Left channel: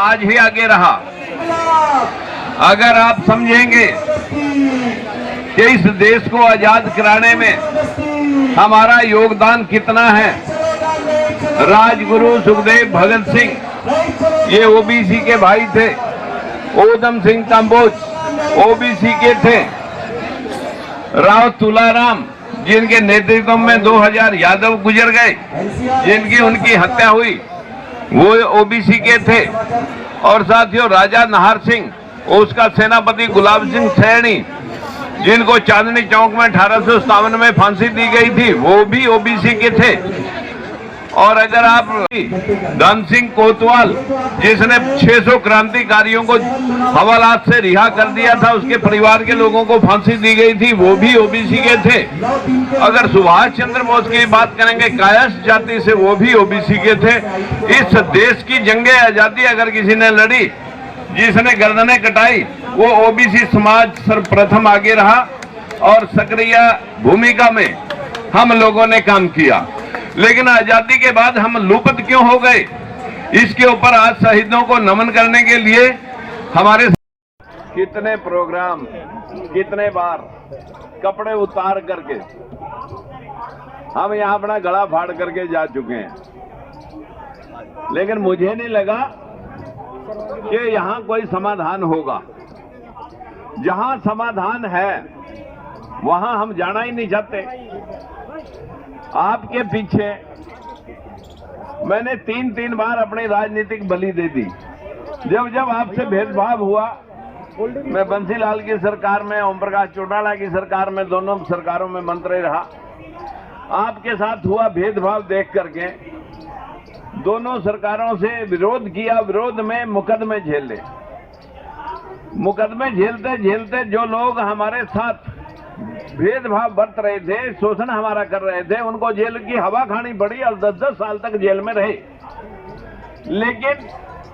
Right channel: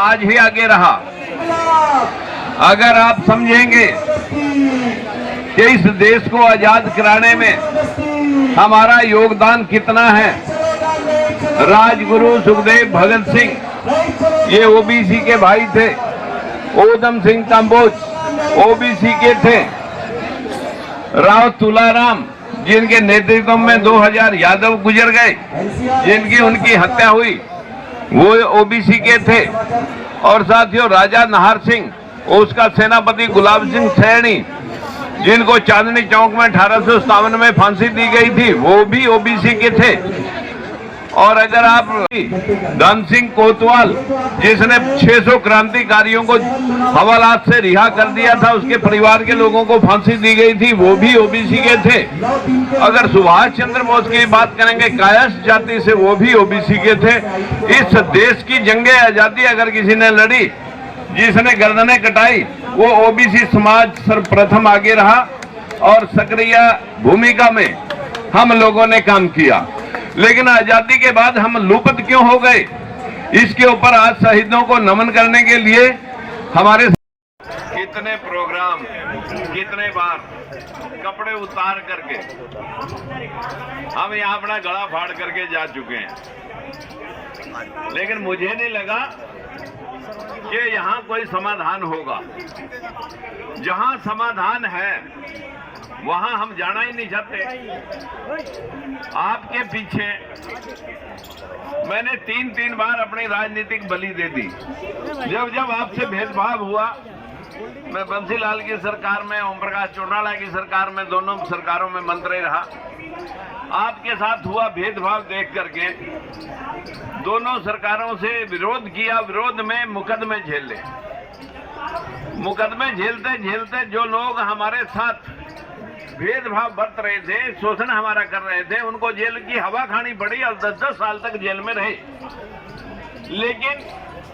समाज ही आगे रहा। अगर आप समझेंगे कि इस देश को आजाद कराने में हमारा योगदान कितना है, राजगुरु सुखदेव भगत सिंह ये ओबीसी के भाई थे, ऊधम सिंह कंबोज ओबीसी के थे, राव तुलाराम जिनके नेतृत्व में 2000 यादव गुजर गए, जिनकी उनकी हत्या हुई, वो ओबीसी के थे। और साथियों, राजा नाहर सिंह, उसका सेनापति गुलाब सिंह सैनी, जिनको चांदनी चौक में 1857 में फांसी दी गई थी, वो भी ओबीसी के थे। और अगर आप धन सिंह कोतवाल, जिसने 600 क्रांतिकारियों को हवालात से रिहा कर दिया था, उसके परिवार के लोगों को फांसी दी गई थी, वो भी ओबीसी के थे। अगर सुभाष चंद्र बोस की बात करेंगे, कायस्थ जाति से, वो भी ओबीसी के थे। इस देश की जंगे आजादी अगर किसी ने लड़ी, जिसने गर्दनें कटाई, वो ओबीसी समाज सर्वप्रथम आगे रहा और सक्रिय भूमिका में हम लोगों ने काम किया। लेकिन आजादी के बाद हम लुप्त क्यों हो गए, इसके ऊपर आज शहीदों को नमन करने के लिए हमारे कितने प्रोग्राम, कितने बार कपड़े उतार करके हम यहाँ अपना गला फाड़ करके जा चुके हैं। लेकिन मुझे नहीं लगा कि यहाँ कोई समाधान होगा। जहाँ समाधान है वहां हम जाना ही नहीं चाहते। आपके पीछे मैंने 3 बार अपनी राजनीतिक बलि दे दी। जब आपसे भेदभाव हुआ, मैं बंसीलाल की सरकार में, ओम प्रकाश चौटाला की सरकार में, दोनों सरकारों में मंत्री रहा। आपके साथ हुआ भेदभाव देख करके दोनों सरकारों से विरोध किया। विरोध में मुकदमे झेले। मुकदमे झेलते झेलते जो लोग हमारे साथ भेदभाव बरत रहे थे, शोषण हमारा कर रहे थे, उनको जेल की हवा खानी पड़ी और 10-10 साल तक जेल में रहे। लेकिन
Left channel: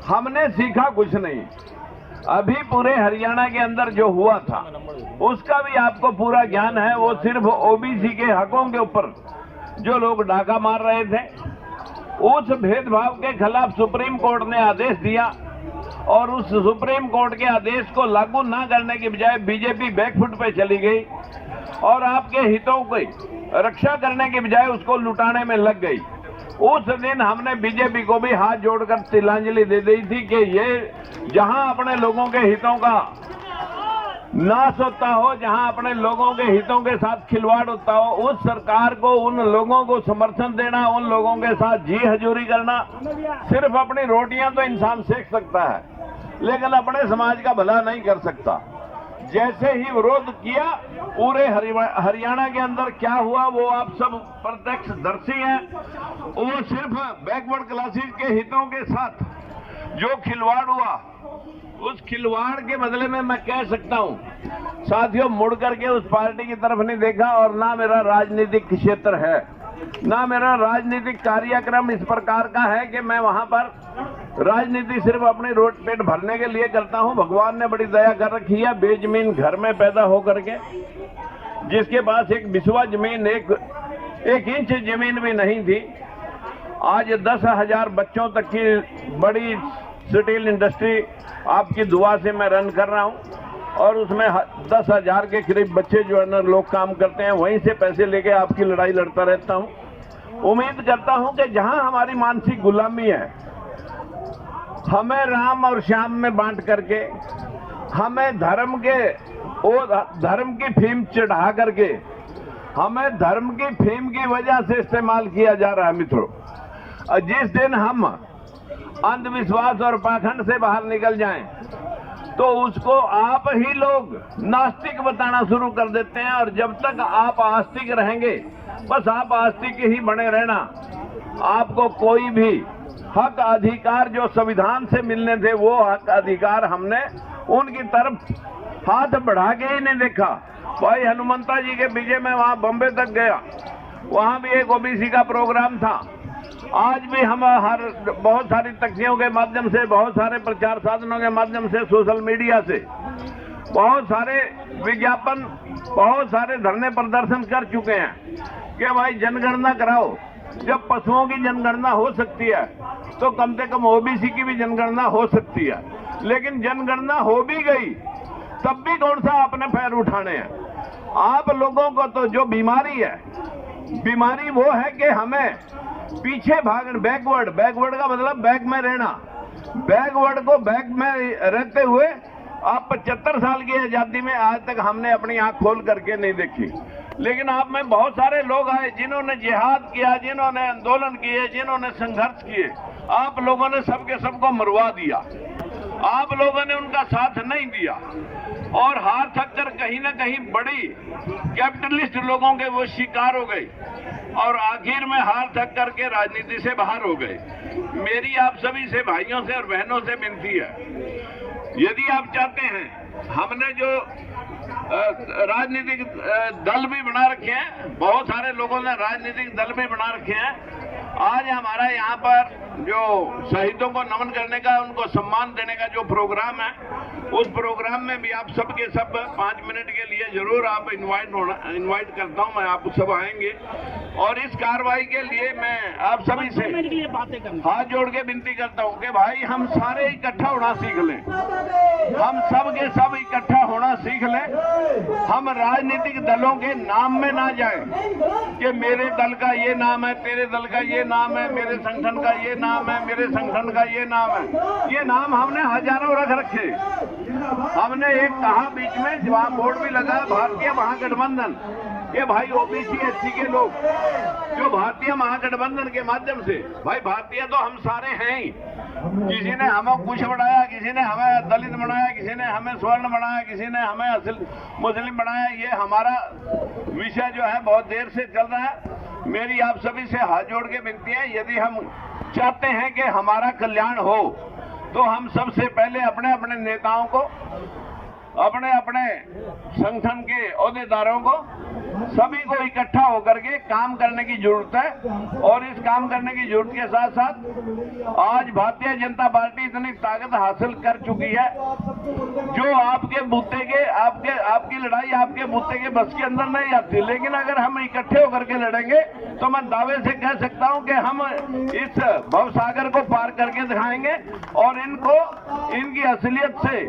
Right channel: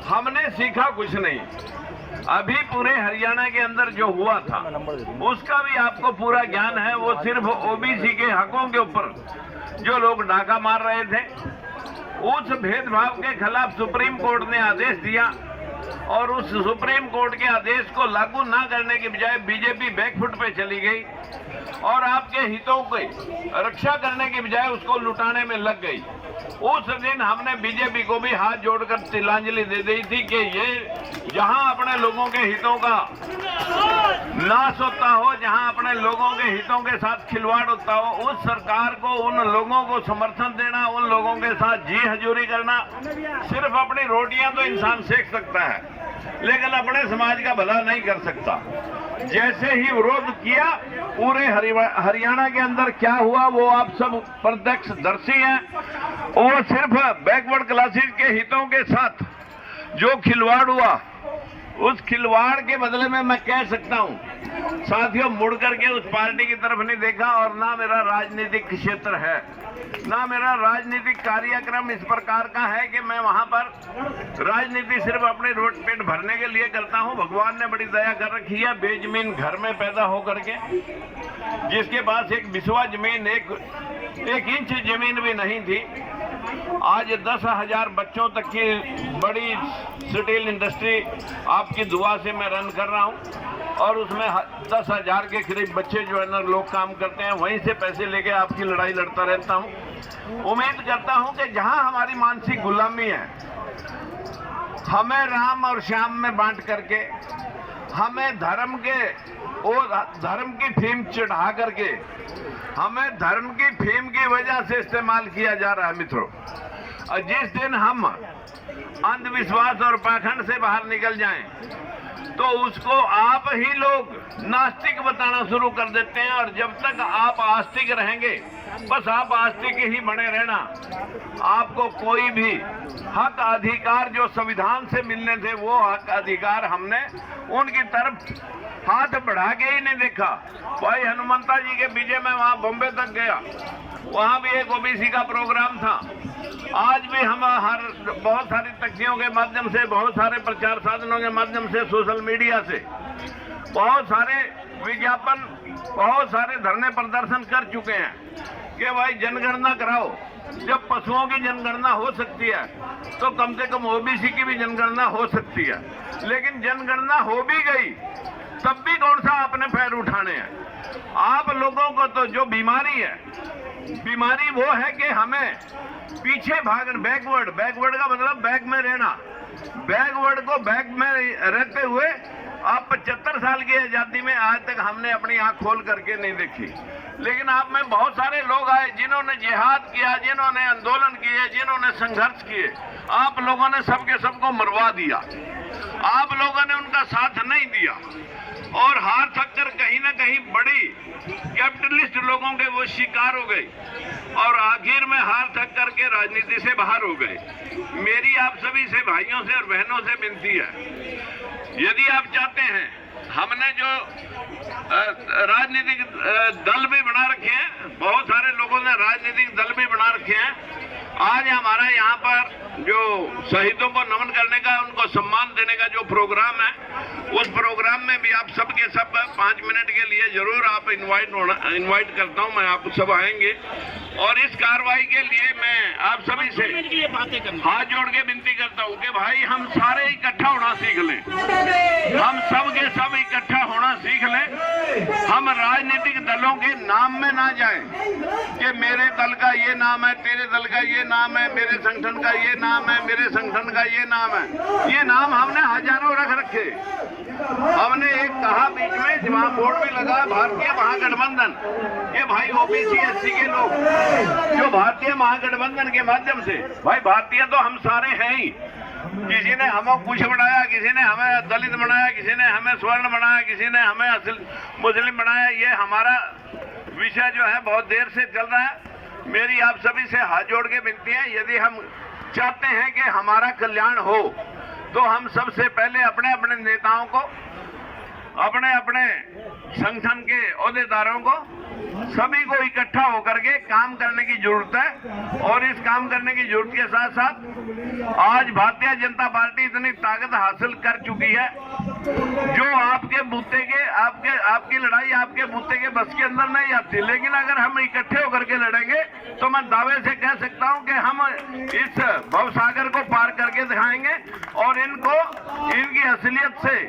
हमने सीखा कुछ नहीं। अभी पूरे हरियाणा के अंदर जो हुआ था उसका भी आपको पूरा ज्ञान है। वो सिर्फ ओबीसी के हकों के ऊपर जो लोग डाका मार रहे थे, उस भेदभाव के खिलाफ सुप्रीम कोर्ट ने आदेश दिया और उस सुप्रीम कोर्ट के आदेश को लागू ना करने के बजाय बीजेपी बैकफुट पे चली गई और आपके हितों की रक्षा करने के बजाय उसको लुटाने में लग गई। उस दिन हमने बीजेपी को भी हाथ जोड़कर तिलांजलि दे दी थी कि ये जहां अपने लोगों के हितों का नाश होता हो, जहां अपने लोगों के हितों के साथ खिलवाड़ होता हो, उस सरकार को, उन लोगों को समर्थन देना, उन लोगों के साथ जी हजूरी करना। सिर्फ अपनी रोटियां तो इंसान सेक सकता है, लेकिन अपने समाज का भला नहीं कर सकता। जैसे ही विरोध किया, पूरे हरियाणा के अंदर क्या हुआ वो आप सब प्रत्यक्षदर्शी हैं। वो सिर्फ बैकवर्ड क्लासेस के हितों के साथ जो खिलवाड़ हुआ, उस खिलवाड़ के बदले में मैं कह सकता हूं, साथियों, मुड़ करके उस पार्टी की तरफ नहीं देखा और ना मेरा राजनीतिक क्षेत्र है, ना मेरा राजनीतिक कार्यक्रम इस प्रकार का है कि मैं वहां पर राजनीति सिर्फ अपने रोड पेट भरने के लिए करता हूं। भगवान ने बड़ी दया कर रखी है। बेजमीन घर में पैदा होकर के, जिसके पास एक बिस्वा जमीन, एक इंच जमीन भी नहीं थी, आज 10,000 बच्चों तक की बड़ी स्टील इंडस्ट्री आपकी दुआ से मैं रन कर रहा हूं और उसमें 10,000 के करीब बच्चे जो है ना लोग काम करते हैं। वहीं से पैसे लेके आपकी लड़ाई लड़ता रहता हूं। उम्मीद करता हूं कि जहां हमारी मानसिक गुलामी है, हमें राम और श्याम में बांट करके, हमें धर्म की फीम चढ़ा करके, हमें धर्म की फीम की वजह से इस्तेमाल किया जा रहा है मित्रों। और जिस दिन हम अंधविश्वास और पाखंड से बाहर निकल जाएं, तो उसको आप ही लोग नास्तिक बताना शुरू कर देते हैं। और जब तक आप आस्तिक रहेंगे, बस आप आस्तिक ही बने रहना। आपको कोई भी हक अधिकार जो संविधान से मिलने थे, वो हक अधिकार हमने उनकी तरफ हाथ बढ़ा के ही नहीं देखा। भाई हनुमंता जी के पीछे मैं वहां बॉम्बे तक गया, वहां भी एक ओबीसी का प्रोग्राम था। आज भी हम बहुत सारी तख्तियों के माध्यम से, बहुत सारे प्रचार साधनों के माध्यम से, सोशल मीडिया से बहुत सारे विज्ञापन, बहुत सारे धरने प्रदर्शन कर चुके हैं कि भाई जनगणना कराओ, जब पशुओं की जनगणना हो सकती है तो कम से कम ओबीसी की भी जनगणना हो सकती है। लेकिन जनगणना हो भी गई तब भी कौन सा आपने पैर उठाने हैं। आप लोगों को तो जो बीमारी है, बीमारी वो है कि हमें पीछे भाग, बैकवर्ड का मतलब बैक में रहना, बैकवर्ड को बैक में रहते हुए आप 75 साल की आजादी में आज तक हमने अपनी आंख खोल करके नहीं देखी। लेकिन आप में बहुत सारे लोग आए जिन्होंने जिहाद किया, जिन्होंने आंदोलन किए, जिन्होंने संघर्ष किए। आप लोगों ने सबके सबको मरवा दिया, आप लोगों ने उनका साथ नहीं दिया और हार थक कर कहीं ना कहीं बड़ी कैपिटलिस्ट लोगों के वो शिकार हो गए और आखिर में हार थक करके राजनीति से बाहर हो गए। मेरी आप सभी से, भाइयों से और बहनों से विनती है, यदि आप चाहते हैं, हमने जो राजनीतिक दल भी बना रखे हैं, बहुत सारे लोगों ने राजनीतिक दल भी बना रखे हैं। आज हमारा यहाँ पर जो शहीदों को नमन करने का, उनको सम्मान देने का जो प्रोग्राम है, उस प्रोग्राम में भी आप सब के सब 5 मिनट के लिए जरूर आप इनवाइट करता हूँ मैं, आप सब आएंगे। और इस कार्रवाई के लिए मैं आप सभी से हाथ जोड़ के विनती करता हूँ कि भाई हम सारे इकट्ठा होना सीख लें, हम सब के सब इकट्ठा होना सीख लें। हम राजनीतिक दलों के नाम में ना जाएं कि मेरे दल का ये नाम है, तेरे दल का ये नाम है, मेरे संगठन का ये नाम है, मेरे संगठन का ये नाम है। ये नाम हमने हजारों रख रखे। हमने एक कहा बीच में, वहां बोर्ड भी लगा, भारतीय महागठबंधन। ये भाई ओबीसी एससी के लोग जो भारतीय महागठबंधन के माध्यम से, भाई भारतीय तो हम सारे हैं ही। किसी ने हमें कुछ बनाया, किसी ने हमें दलित बनाया, किसी ने हमें स्वर्ण बनाया, किसी ने हमें असल मुस्लिम बनाया। ये हमारा विषय जो है बहुत देर से चल रहा है। मेरी आप सभी से हाथ जोड़ के विनती है, यदि हम चाहते हैं कि हमारा कल्याण हो तो हम सबसे पहले अपने अपने नेताओं को, अपने अपने संगठन के ओहदेदारों को, सभी को इकट्ठा होकर के काम करने की जरूरत है। और इस काम करने की जरूरत के साथ साथ आज भारतीय जनता पार्टी इतनी ताकत हासिल कर चुकी है जो आपके बूते के, आपकी लड़ाई आपके बूते के बस के अंदर नहीं आती। लेकिन अगर हम इकट्ठे होकर के लड़ेंगे तो मैं दावे से कह सकता हूं कि हम इस भवसागर को पार करके दिखाएंगे और इनको इनकी असलियत से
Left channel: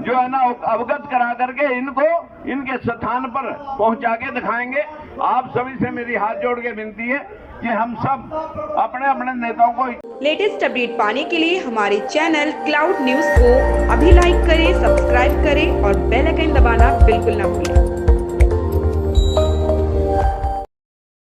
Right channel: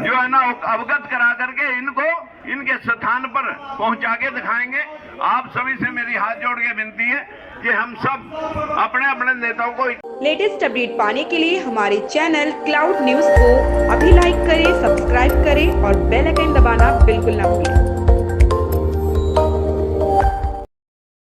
जो है ना अवगत करा करके इनको इनके स्थान पर पहुंचा के दिखाएंगे। आप सभी से मेरी हाथ जोड़ के विनती है कि हम सब अपने अपने नेताओं को लेटेस्ट अपडेट पाने के लिए हमारे चैनल क्लाउड न्यूज को अभी लाइक करें, सब्सक्राइब करें और बेल आइकन दबाना बिल्कुल ना भूलें।